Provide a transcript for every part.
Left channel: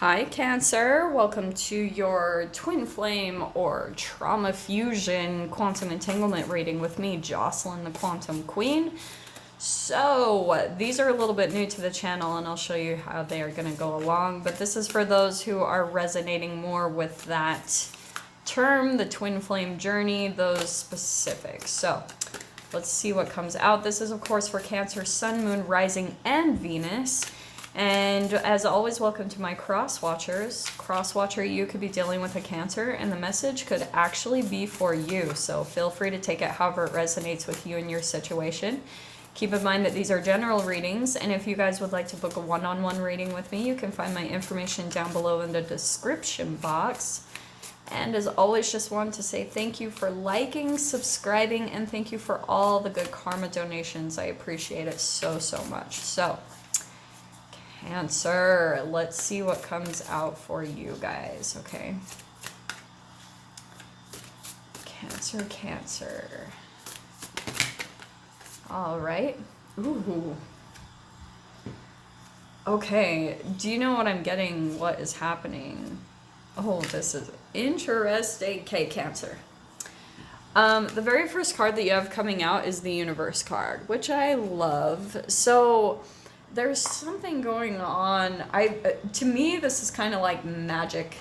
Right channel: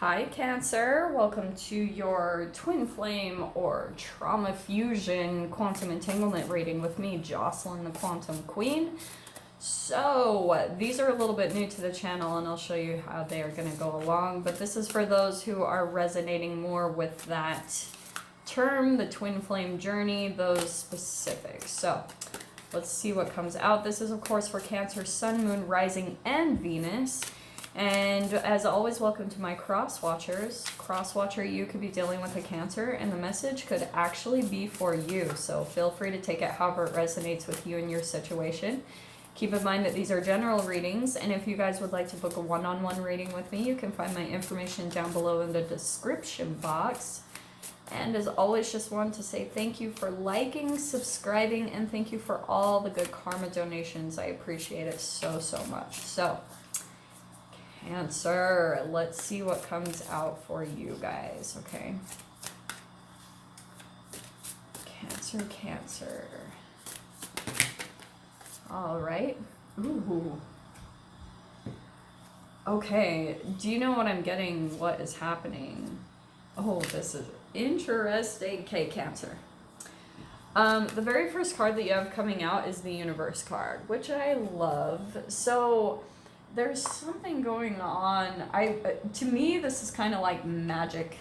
Hi, Cancer. Welcome to your Twin Flame or Trauma Fusion Quantum Entanglement reading with me, Jocelyn, the Quantum Queen. So, these are a little bit new to the channel, and I'll show you how they are going to go along. But this is for those who are resonating more with that term, the Twin Flame journey, those specifics. So, let's see what comes out. This is, of course, for Cancer, Sun, Moon, Rising, and Venus. And as always, welcome to my cross watchers. Cross watcher, you could be dealing with a Cancer, and the message could actually be for you. So feel free to take it however it resonates with you and your situation. Keep in mind that these are general readings, and if you guys would like to book a one-on-one reading with me, you can find my information down below in the description box. And as always, just want to say thank you for liking, subscribing, and thank you for all the good karma donations. I appreciate it so, so much. So, Cancer, let's see what comes out for you guys, okay? Cancer, Cancer. All right. Ooh. Okay, do you know what I'm getting? What is happening? Oh, this is interesting. Okay, Cancer. The very first card that you have coming out is the Universe card, which I love. So there's something going on. To me, this is kind of like magic,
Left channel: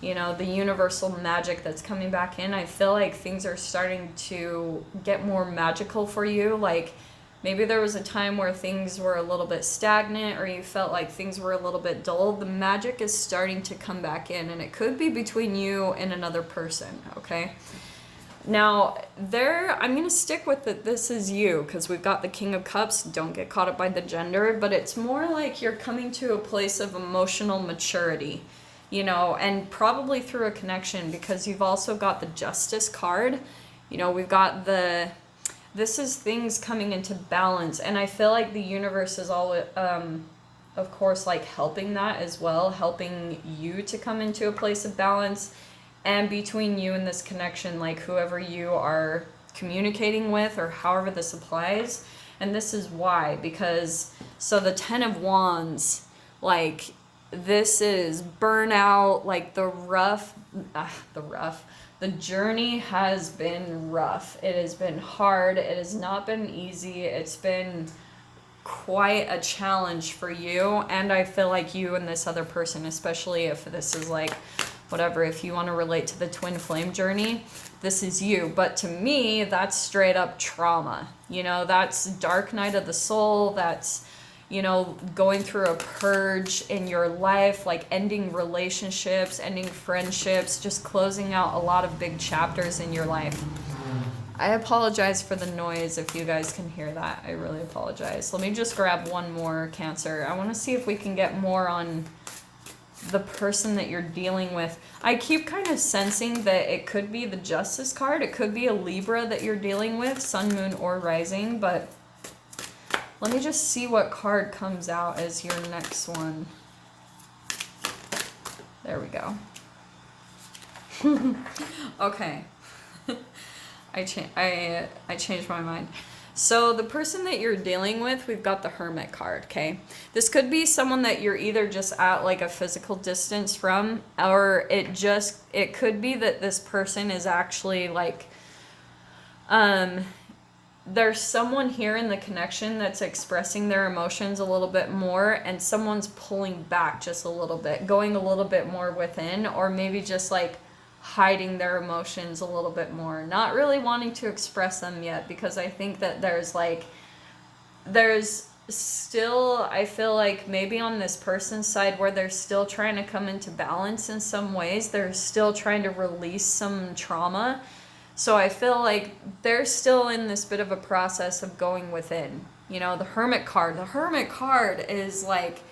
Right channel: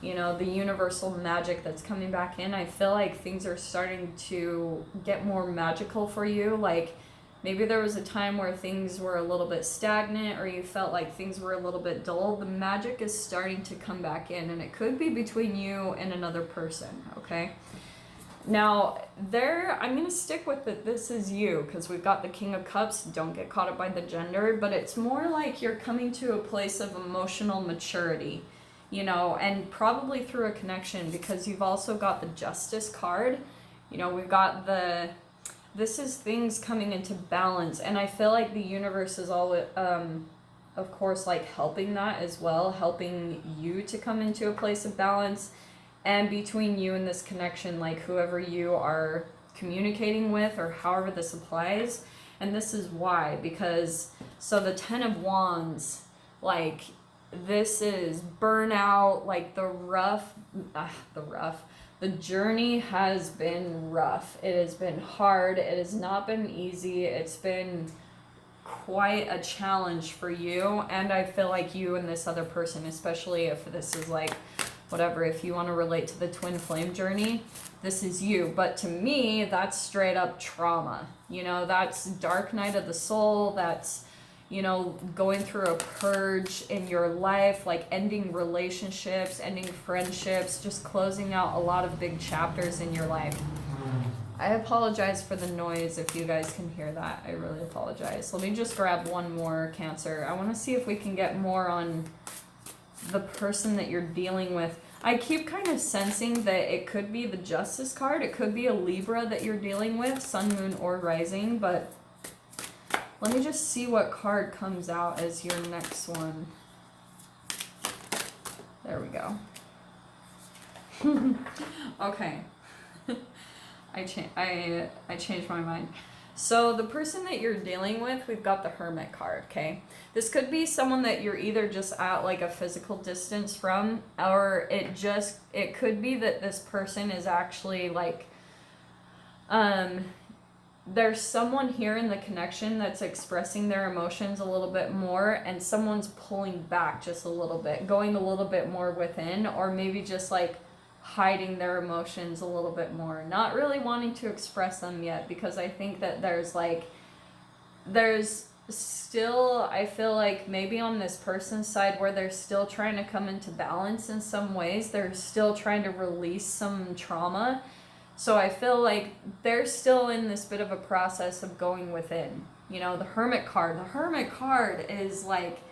you know, the universal magic that's coming back in. I feel like things are starting to get more magical for you. Like maybe there was a time where things were a little bit stagnant or you felt like things were a little bit dull. The magic is starting to come back in, and it could be between you and another person, okay? Now, I'm going to stick with that this is you, because we've got the King of Cups. Don't get caught up by the gender, but it's more like you're coming to a place of emotional maturity, you know, and probably through a connection, because you've also got the Justice card. You know, we've got this is things coming into balance, and I feel like the universe is all, of course, like helping that as well, helping you to come into a place of balance. And between you and this connection, like whoever you are communicating with or however this applies. And this is why, because, so the 10 of Wands, like this is burnout, like the journey has been rough. It has been hard. It has not been easy. It's been quite a challenge for you. And I feel like you and this other person, especially if this is like, whatever, if you want to relate to the twin flame journey, this is you. But to me, that's straight up trauma. You know, that's dark night of the soul. That's, you know, going through a purge in your life, like ending relationships, ending friendships, just closing out a lot of big chapters in your life. I apologize for the noise if you guys can hear that. I really apologize. Let me just grab one more, Cancer. I want to see if we can get more on the person that you're dealing with. I keep kind of sensing that it could be the Justice card. It could be a Libra that you're dealing with, Sun, Moon, or Rising, but let me just see what card comes out as your next one. There we go. Okay. I changed my mind. So the person that you're dealing with, we've got the Hermit card, okay? This could be someone that you're either just at like a physical distance from, or it could be that this person is actually like, there's someone here in the connection that's expressing their emotions a little bit more, and someone's pulling back just a little bit, going a little bit more within, or maybe just like hiding their emotions a little bit more, not really wanting to express them yet, because I think that there's still, I feel like maybe on this person's side where they're still trying to come into balance in some ways, they're still trying to release some trauma. So I feel like they're still in this bit of a process of going within. You know, the Hermit card is like,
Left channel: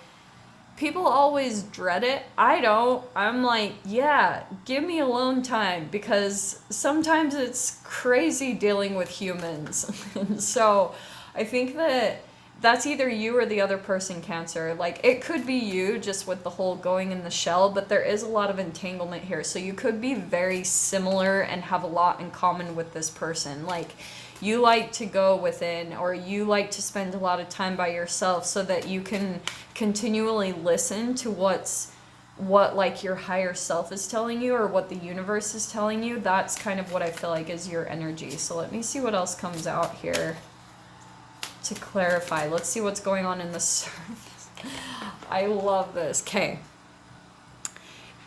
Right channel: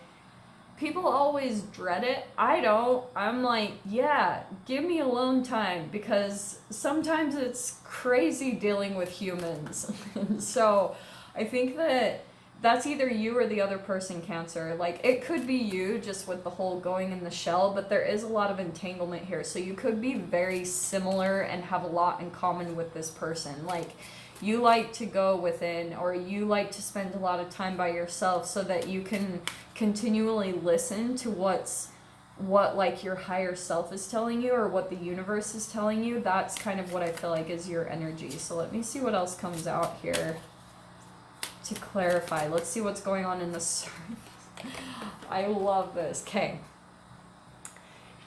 people always dread it. I don't. I'm like, yeah, give me alone time, because sometimes it's crazy dealing with humans. And so I think that that's either you or the other person, Cancer. Like, it could be you just with the whole going in the shell, but there is a lot of entanglement here. So you could be very similar and have a lot in common with this person. Like, you like to go within, or you like to spend a lot of time by yourself so that you can continually listen to what's what like your higher self is telling you or what the universe is telling you. That's kind of what I feel like is your energy. So let me see what else comes out here to clarify. Let's see what's going on in the surface. I love this. Okay.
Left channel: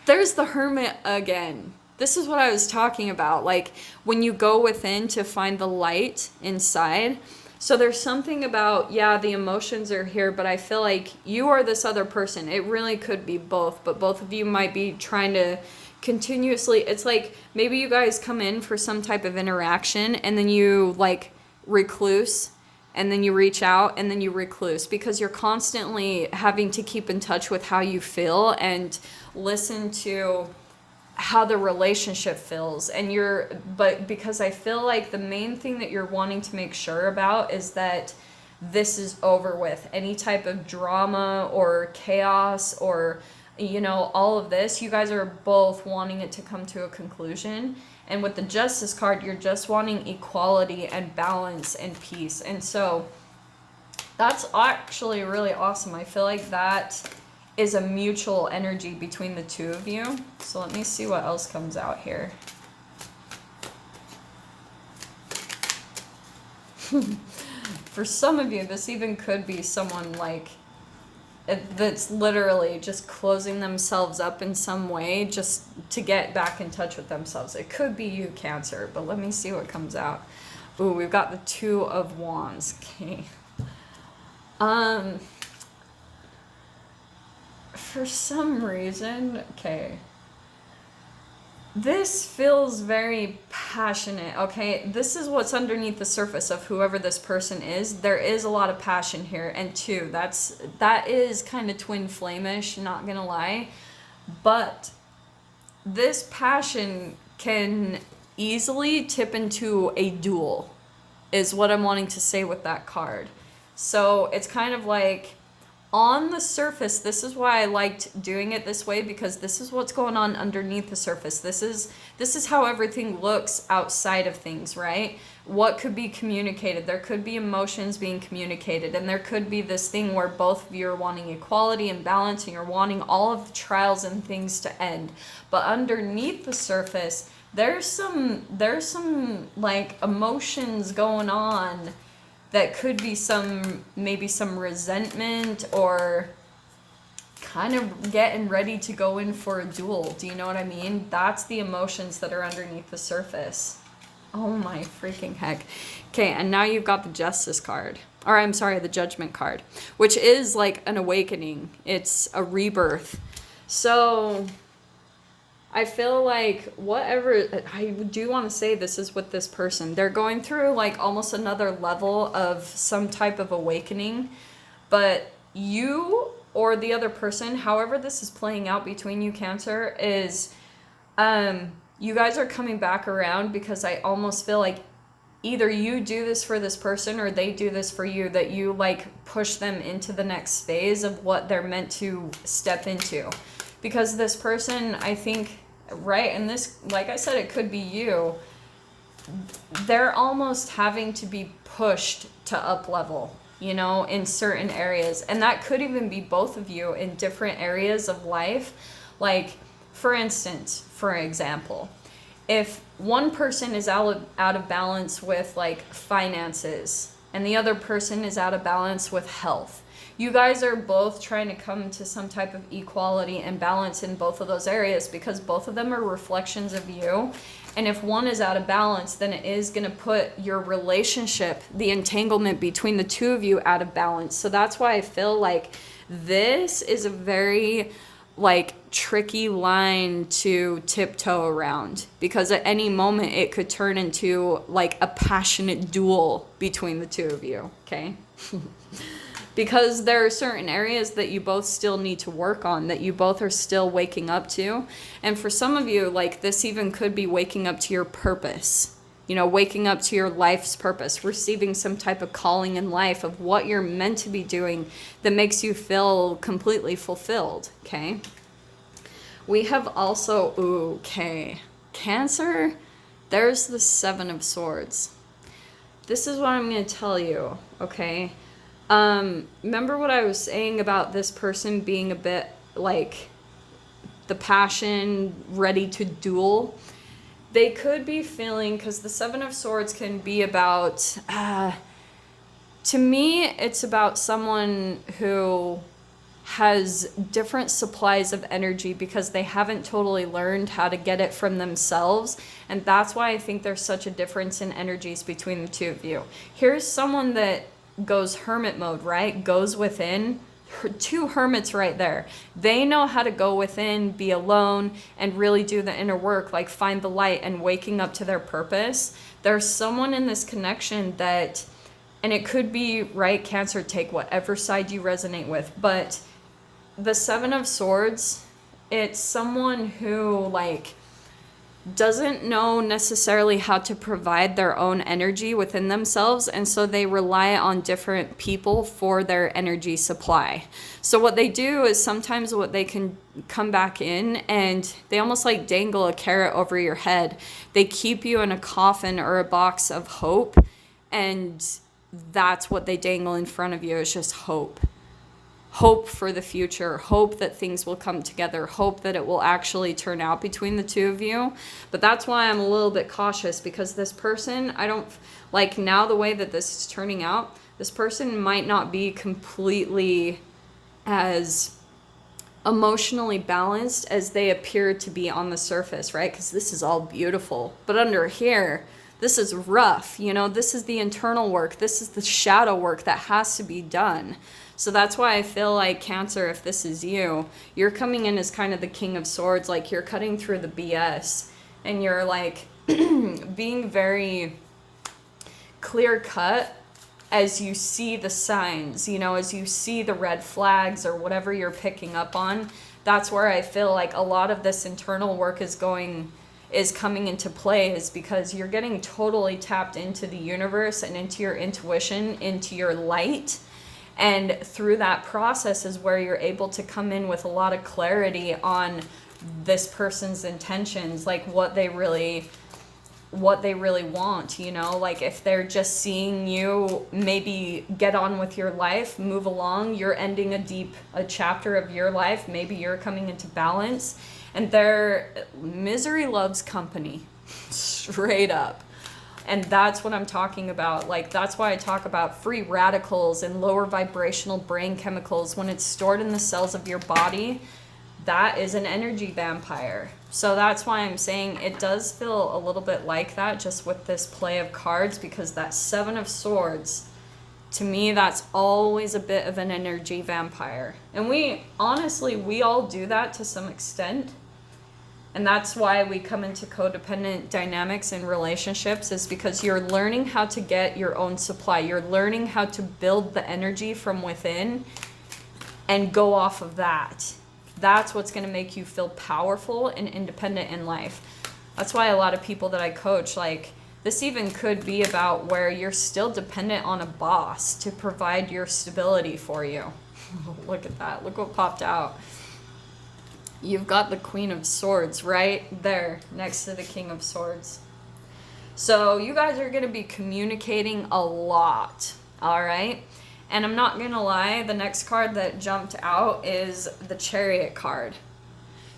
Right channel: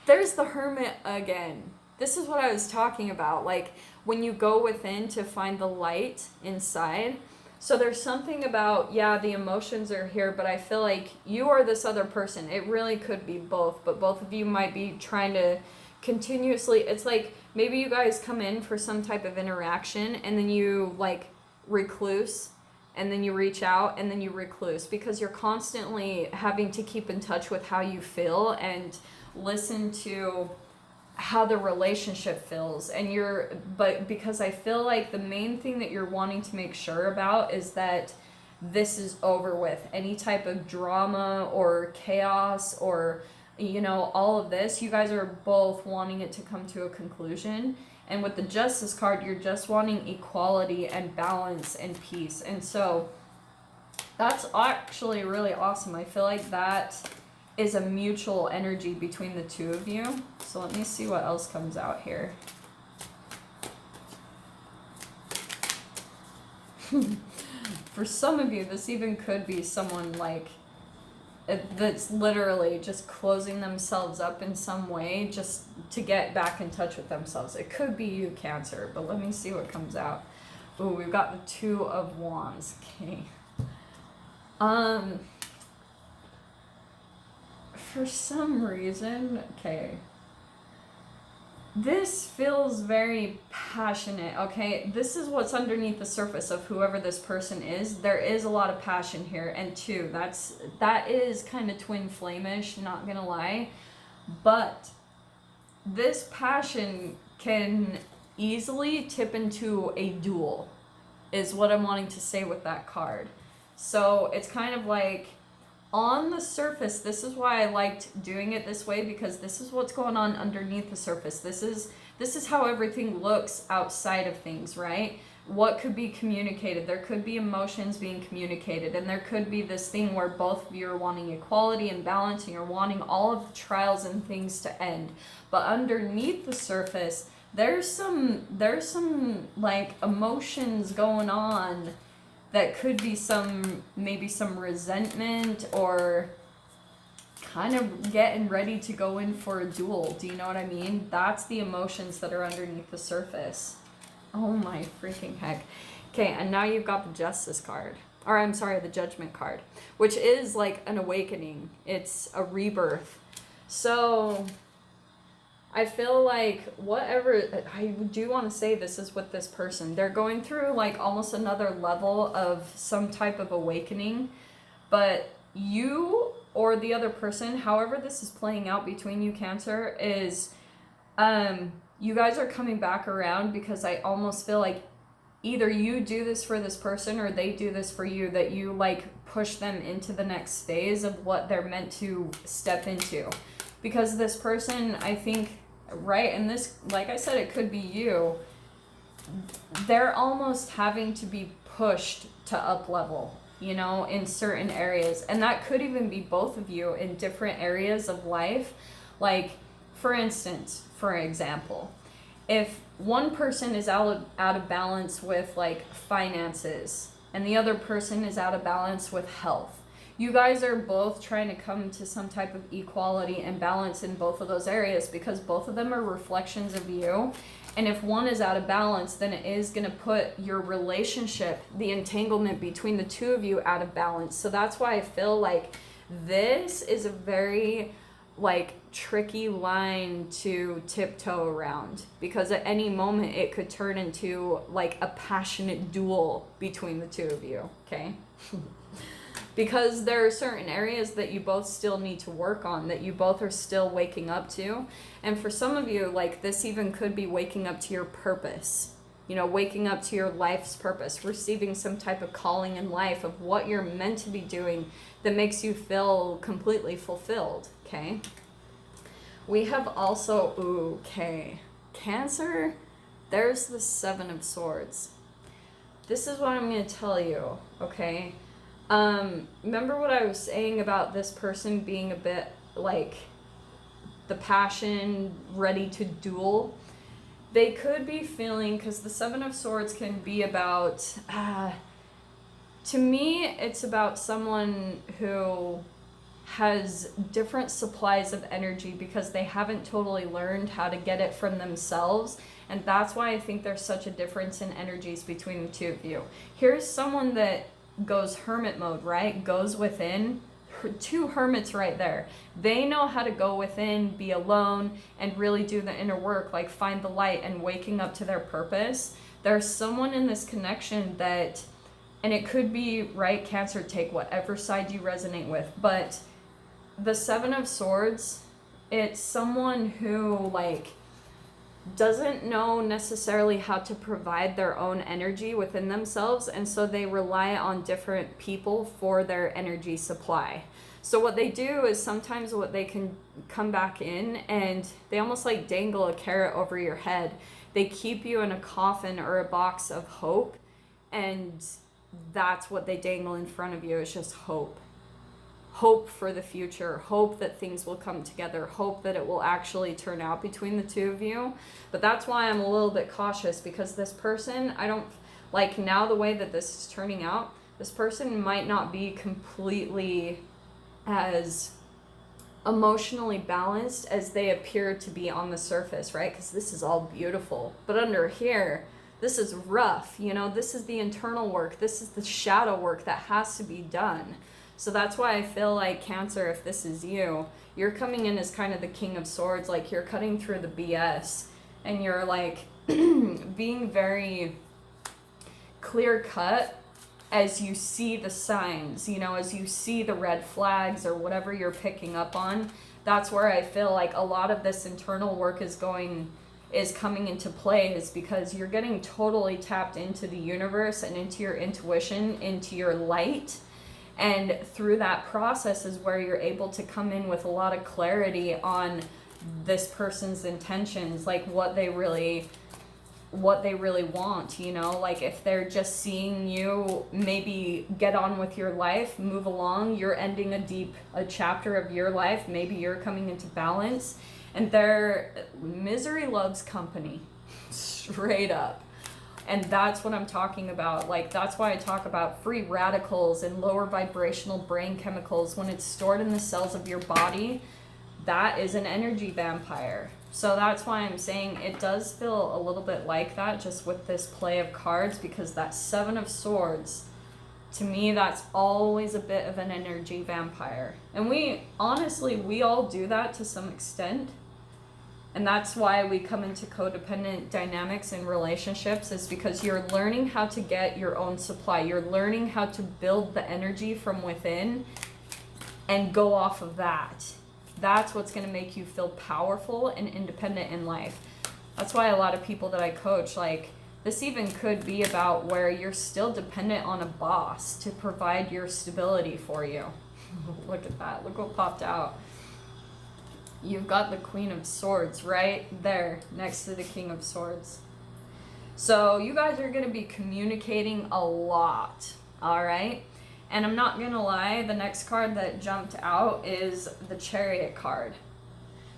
There's the Hermit again. This is what I was talking about. Like when you go within to find the light inside. So there's something about, yeah, the emotions are here, but I feel like you are this other person. It really could be both, but both of you might be trying to continuously, it's like maybe you guys come in for some type of interaction and then you like recluse and then you reach out and then you recluse because you're constantly having to keep in touch with how you feel and listen to how the relationship feels. And but because I feel like the main thing that you're wanting to make sure about is that this is over with. Any type of drama or chaos or, you know, all of this, you guys are both wanting it to come to a conclusion. And with the Justice card, you're just wanting equality and balance and peace. And so that's actually really awesome. I feel like that is a mutual energy between the two of you. So let me see what else comes out here. For some of you, this even could be someone like that's literally just closing themselves up in some way just to get back in touch with themselves. It could be you, Cancer, but let me see what comes out. Ooh, we've got the Two of Wands. Okay. For some reason, okay, this feels very passionate, okay? This is what's underneath the surface of whoever this person is. There is a lot of passion here, and two, that is kind of twin flame-ish, not gonna lie. But this passion can easily tip into a duel, is what I'm wanting to say with that card. So it's kind of like, on the surface, this is why I liked doing it this way, because this is what's going on underneath the surface. This is how everything looks outside of things, right? What could be communicated? There could be emotions being communicated, and there could be this thing where both of you are wanting equality and balance, and you're wanting all of the trials and things to end. But underneath the surface, there's some like emotions going on that could be maybe some resentment or kind of getting ready to go in for a duel. Do you know what I mean? That's the emotions that are underneath the surface. Oh my freaking heck. Okay, and now you've got the Justice card. Or I'm sorry, the Judgment card, which is like an awakening. It's a rebirth. So I feel like whatever, I do want to say this is with this person. They're going through like almost another level of some type of awakening, but you or the other person, however this is playing out between you, Cancer, is you guys are coming back around, because I almost feel like either you do this for this person or they do this for you, that you like push them into the next phase of what they're meant to step into. Because this person, I think, right, and this, like I said, it could be you, they're almost having to be pushed to up level, you know, in certain areas. And that could even be both of you in different areas of life. Like, for instance, for example, if one person is out of balance with like finances and the other person is out of balance with health, you guys are both trying to come to some type of equality and balance in both of those areas, because both of them are reflections of you. And if one is out of balance, then it is going to put your relationship, the entanglement between the two of you, out of balance. So that's why I feel like this is a very like tricky line to tiptoe around, because at any moment it could turn into like a passionate duel between the two of you, okay? Because there are certain areas that you both still need to work on, that you both are still waking up to. And for some of you, like, this even could be waking up to your purpose, you know, waking up to your life's purpose, receiving some type of calling in life of what you're meant to be doing that makes you feel completely fulfilled, okay? We have also, okay, Cancer, there's the Seven of Swords. This is what I'm going to tell you, okay? Remember what I was saying about this person being a bit like the passion, ready to duel. They could be feeling, because the Seven of Swords can be about, to me, it's about someone who has different supplies of energy because they haven't totally learned how to get it from themselves. And that's why I think there's such a difference in energies between the two of you. Here's someone that goes hermit mode, right? Goes within. Two hermits right there. They know how to go within, be alone, and really do the inner work, like find the light and waking up to their purpose. There's someone in this connection that, and it could be, right, Cancer, take whatever side you resonate with, but the Seven of Swords, it's someone who, like, doesn't know necessarily how to provide their own energy within themselves, and so they rely on different people for their energy supply. So what they do is sometimes what they can come back in and they almost like dangle a carrot over your head. They keep you in a coffin or a box of hope, and that's what they dangle in front of you, is just hope. Hope for the future, hope that things will come together, hope that it will actually turn out between the two of you. But that's why I'm a little bit cautious, because this person, I don't like, now the way that this is turning out, this person might not be completely as emotionally balanced as they appear to be on the surface, right? Because this is all beautiful, but under here, this is rough, you know, this is the internal work, this is the shadow work that has to be done. So that's why I feel like, Cancer, if this is you, you're coming in as kind of the King of Swords, like you're cutting through the BS, and you're like being very clear cut as you see the signs, you know, as you see the red flags or whatever you're picking up on. That's where I feel like a lot of this internal work is coming into play, is because you're getting totally tapped into the universe and into your intuition, into your light. And through that process is where you're able to come in with a lot of clarity on this person's intentions, like what they really want, you know, like if they're just seeing you maybe get on with your life, move along, you're ending a chapter of your life, maybe you're coming into balance, and their misery loves company, straight up. And that's what I'm talking about. Like, that's why I talk about free radicals and lower vibrational brain chemicals. When it's stored in the cells of your body, that is an energy vampire. So that's why I'm saying it does feel a little bit like that, just with this play of cards, because that Seven of Swords, to me, that's always a bit of an energy vampire. And we all do that to some extent. And that's why we come into codependent dynamics in relationships, is because you're learning how to get your own supply. You're learning how to build the energy from within and go off of that. That's what's going to make you feel powerful and independent in life. That's why a lot of people that I coach, like, this even could be about where you're still dependent on a boss to provide your stability for you. Look at that. Look what popped out. You've got the Queen of Swords right there next to the King of Swords. So you guys are going to be communicating a lot, all right? And I'm not going to lie, the next card that jumped out is the Chariot card.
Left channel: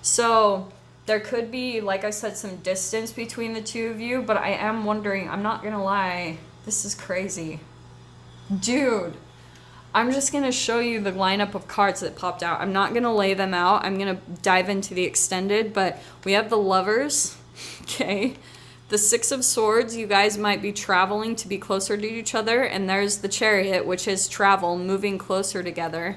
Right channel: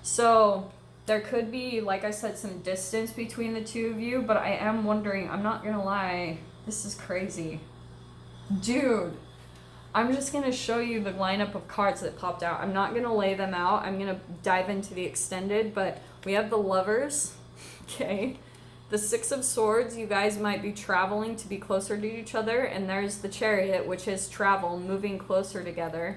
So there could be, like I said, some distance between the two of you, but I am wondering, I'm not going to lie, this is crazy. Dude, I'm just going to show you the lineup of cards that popped out. I'm not going to lay them out. I'm going to dive into the extended, but we have the Lovers, okay? The Six of Swords, you guys might be traveling to be closer to each other, and there's the Chariot, which is travel, moving closer together.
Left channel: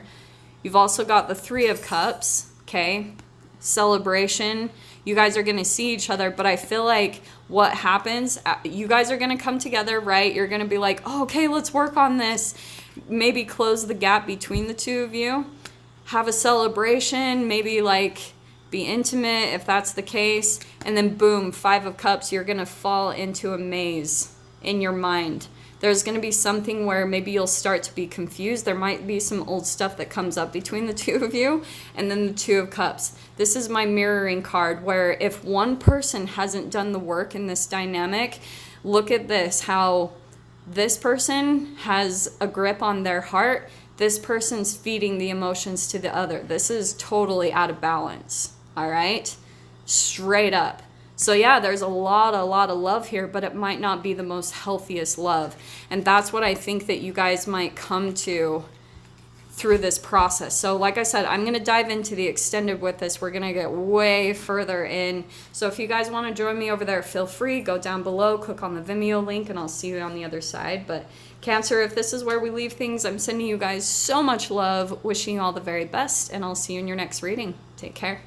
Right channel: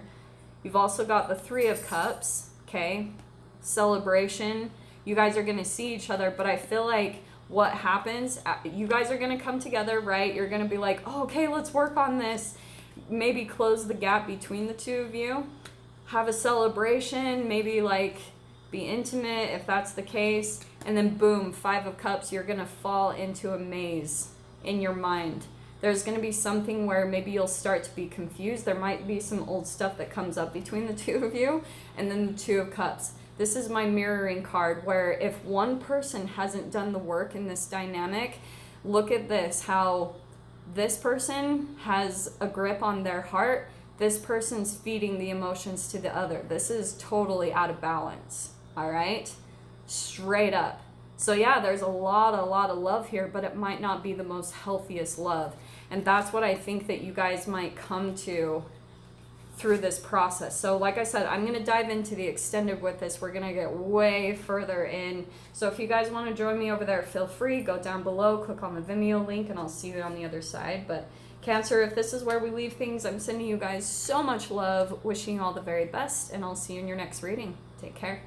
You've also got the Three of Cups, okay? Celebration. You guys are going to see each other, but I feel like what happens, you guys are going to come together, right? You're going to be like, oh, okay, let's work on this. Maybe close the gap between the two of you, have a celebration, maybe like be intimate if that's the case, and then boom, Five of Cups, you're gonna fall into a maze in your mind. There's gonna be something where maybe you'll start to be confused. There might be some old stuff that comes up between the two of you, and then the Two of Cups. This is my mirroring card, where if one person hasn't done the work in this dynamic, look at this, how this person has a grip on their heart. This person's feeding the emotions to the other. This is totally out of balance. all right? Straight up. So yeah, there's a lot of love here, but it might not be the most healthiest love. And that's what I think that you guys might come to through this process. So like I said, I'm going to dive into the extended with this. We're going to get way further in. So if you guys want to join me over there, feel free, go down below, click on the Vimeo link, and I'll see you on the other side. But Cancer, if this is where we leave things, I'm sending you guys so much love, wishing you all the very best, and I'll see you in your next reading. Take care.